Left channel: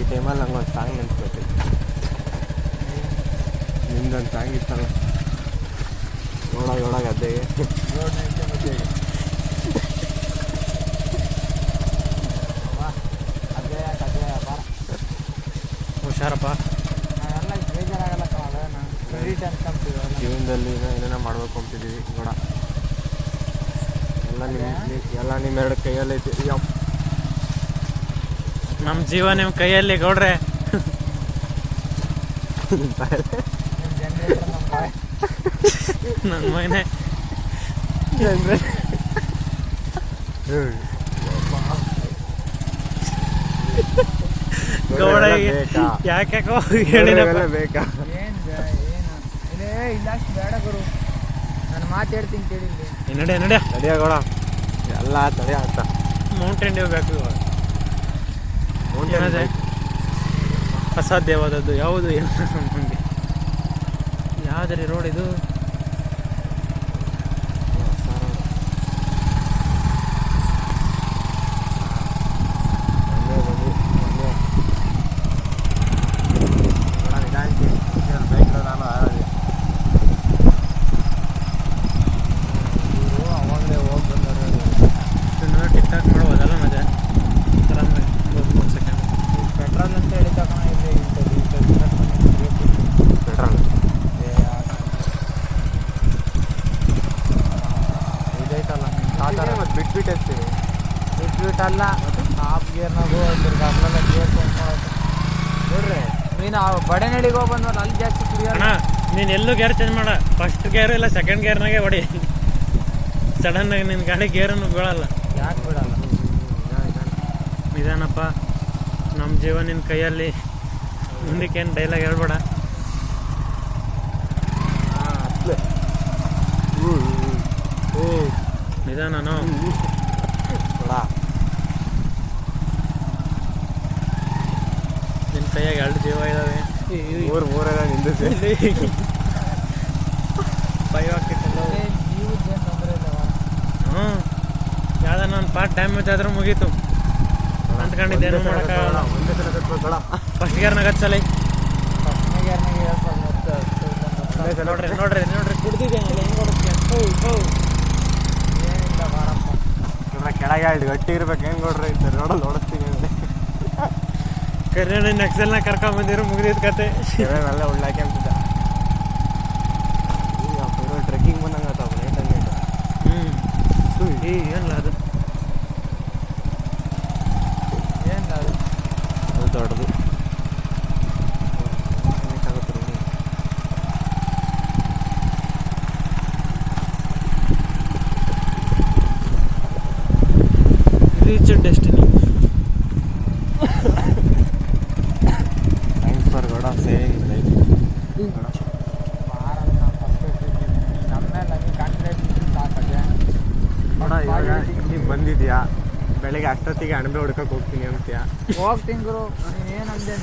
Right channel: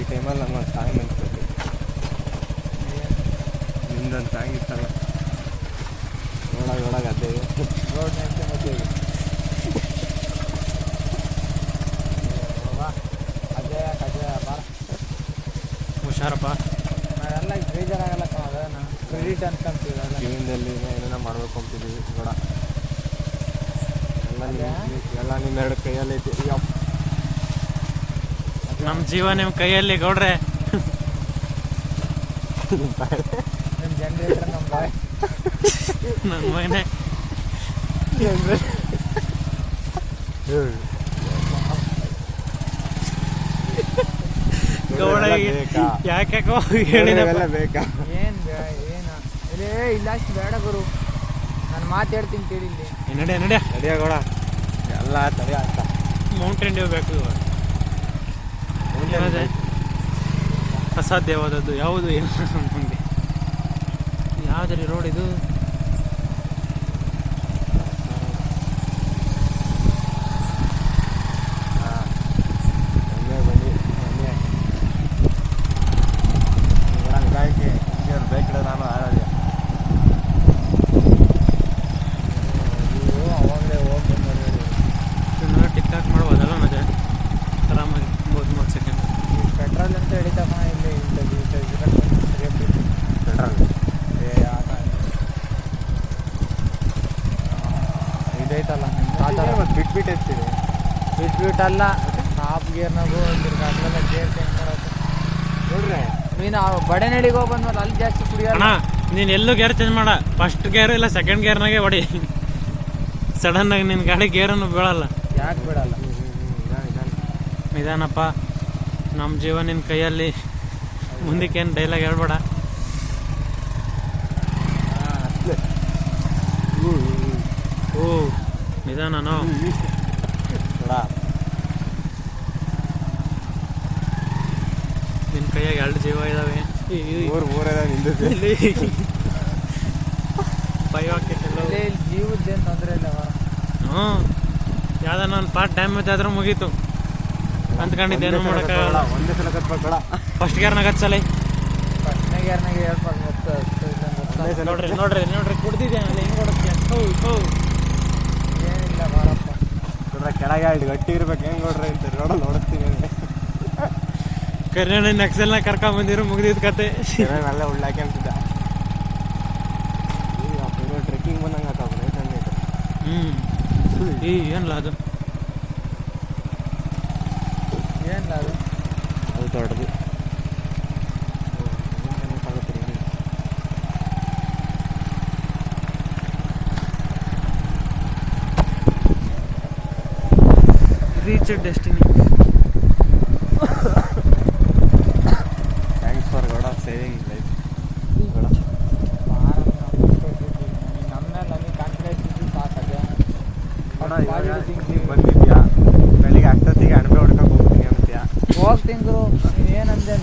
ಈ ಟೈಮಲ್ಲಿ ನಂಗೊಂದು ಸಾಂಗ್ ನೆನ್ಸ್ಬೇಕು. ನಿಮ್ದೊಂದು ಸಾಂಗ್ ಇತ್ತಲ್ಲ, ನೋಡಾಗ ಅದ್ದೆಗೆ ರೋಡ್ ನೆನ್ಸೆ ಮಧ್ಯೆಗೆ ಅದೇ ಬಾರ ಹುಷಾರಪ್ಪ. ನಾವೆಲ್ಲ ಬೇಜಾರಾಗಲ್ಲ ಅದೇನ ಕ್ರೆಡಿಟ್ ಅನ್ಕೊಂತೀವಿ. ಜೀವನದಲ್ಲಿ ಏನೇನೋ ಮಾಡ್ಬೇಕು ಅಂತಿದ್ದೀವಿ ನೋಡ. ಎಲ್ಲ ನಿಮ್ಮೆರಡು ಕೈಯಲ್ಲಿ ಐತಿ. ನಮ್ಮ ಜೀವ ನಿಮ್ಮ ಕೈಯಲ್ಲಿ ಗೌಡ್ರೆ. ನಿಮ್ಮ ಜನರೇಟರ್ ನಮ್ಮ ಬಾಯ್ ನನ್ನ ಮಗನೇ. ಗೌಡ ಯಾಕೋ ಹೇಳಿದಲ್ಲ ಬೇಕಾ? ಏನು ಇಲ್ಲ ಅಷ್ಟು ಬೇಡ ಗುರು, ನಾನು ಮಾತಾಡ್ತೀನಿ ಕೇಳಿಲ್ಲಿ. ನಡೆ ತಡಿಯ ಗೌಡ, ಎಲ್ಲ ತಡಿಯ ಅಂತ. ಮೌಂಟೇನ್ ಡ್ಯೂ ಬೇಕು ಇವಾಗ. ಏನದೆ ಅಸಾಧ್ಯವಾದದ್ದು ಯಾವುದು ನಮಗೆ? ಯಾವ್ದ್ರಿ ರೋಡ್ ಇದು? ನಾನು ಆಡೋದಿಲ್ಲ. ಅವಾಗಲೇ ಹೋಗಿ ಬಂದವ್ರು ಟಿಕ್ ಟಾಕ್ ಮಾಡ್ಬೋದಲ್ಲ ಮತ್ತೆ ಆರಾಮಾಗಿ 3 ಸೆಕೆಂಡ್. ಈ ಪೆಟ್ರೋಲ್ ಅಂತ ಹೇಳಿದಾಗ ಇಲ್ಲಿ ಪೆಟ್ರೋಲ್ ಇದೈತಲ್ಲ ಬಿಟ್ಬಿಟ್ಟು ಅಲ್ಲ, ಹಾಫ್ ಗೇರ್ನಾಗು ತಿರ್ಗಾಗ್ಲೆಲ್ಲ ಗೇರ್ ಚೇಂಜ್ ಮಾಡೋದು ನೋಡ್ರಿ. ನೀನು ಬಡೆ ನಡಿಗೆ ಹೋಗಿ ಬಂದ್ಮೇಲೆ ಅಲ್ಲಿ ಜಾಸ್ತಿ ಕುಡಿಯೋಣ. ನೀನು ಎಲ್ಲೂ ಗೇರ್ ಚೇಂಜ್ ಮಾಡ, ಫಸ್ಟ್ ಗೇರ್ ಇಲ್ಲ ಸೆಕೆಂಡ್ ಗೇರ್ನಾಗೆ ಹೊಡಿ. ಸಡನ್ ಆಗಿ ನಿನ್ನ ಗಾಡಿ ಗೇರನ್ನು ಬೀಳಲ್ಲ. ಯಾಕೆ ಬಿಡಲ್ಲ? ನಿಧಾನಪ್ಪ, ನಮ್ಮ ಜೀವ ನಿನ್ನ ಕೈಯಲ್ಲಿ. ಮುಂದಕ್ಕೇನು ಡೈಲಾಗ್ ಹೇಳ್ಬೇಡ. ಓ ನಿಧಾನನೋ ನಿನ್ನ ಕೈಯಾಗ 2 ಜೀವ ಇದಾವೆ. ಮೂರ ನಿಂದಿಸಿ ಭಯ ಆಗ್ತಿತ್ತಲ್ಲ. ಜೀವದ್ದೇನು ತೊಂದರೆ ಇಲ್ಲ. ಹ್ಞೂ, ಯಾವ್ದಾರ ಒಂದು ಪಾರ್ಟ್ ಡ್ಯಾಮೇಜ್ ಆದ್ರೂ ಮುಗೀತು ಅಂದ್ಕೊಂಡಿದ್ದೇನು ಮಾಡೋಕ್ಕಾಗಲ್ಲ. ಒಂದೇ ಸಲ ಕತ್ಬೇಕಲ್ಲ. ಫಸ್ಟ್ ಗೇರ್ನಾಗ ಹಚ್ಚಲ್ಲ. ಫಸ್ಟ್ನೇ ಗೇರ್ನಾಗೆ ಹೇಳ್ಬೋದು ಮತ್ತೆ ಒಂದೇ ಸಲ ನೋಡ್ರಿ ಕುಡ್ದಿದ್ದೆ ಹೆಂಗೆ ಕೊಡುತ್ತೆ. ಏನಿಲ್ಲ ಬಾರಪ್ಪ. ನೋಡ್ರೆ ಕೆಳಗೆ 2 ಗಟ್ಟಿ ಇರ್ಬೇಕು. ಹೆಂಗೆ ನೋಡ್ರಿ ಇಂತ ರೋಡಲ್ಲಿ ಓಡಿಸ್ತೀನಿ ಅಂದರೆ ಕರ್ನಾಟಕ ನಕ್ಸಲ್ನ ಕರ್ಕೊಂಬಂದಿರು, ಮುಗಿದಿದ್ದು ಕತೆ. ಎಲ್ಲ ಉಳ್ಳಾಕಿ ಅಂತಿದ್ದ. ಈಗ ಟ್ರೆಕ್ಕಿಂಗ್ ಬಂದಂಗೆ ಆತಾವ ನೈಟ್ ನೈಟ್. ಏನಿಲ್ಲ ಅದು ಏನಿಲ್ಲ ಅದು ದೊಡ್ಡದು. ಕನೆಕ್ಟ್ ಆಗುತ್ತೆ ನೋಡಿ. Reach destiny. Thanks for Gowda saving life Gowda. ನಮ್ಮ ಮೇಲೆ ನಮಗೆ ಕಾನ್ಫಿಡೆನ್ಸ್ ಇದ್ದು ಸಾಕದೆ. ನೀವು ಬಂದಿದ್ಯಾ, ಬೆಳಿಗ್ಗೆ 10 ಹೊತ್ತಿಗೆ ಅಣಬೆ ಹೊಡ್ಕೊಕ್ ಹೋಗ್ತೀನಿ ಅಂತೀಯ. ಹೋಗ್ತೀನಿ ಗುರು, ನೀನು ಏನಂದೆ?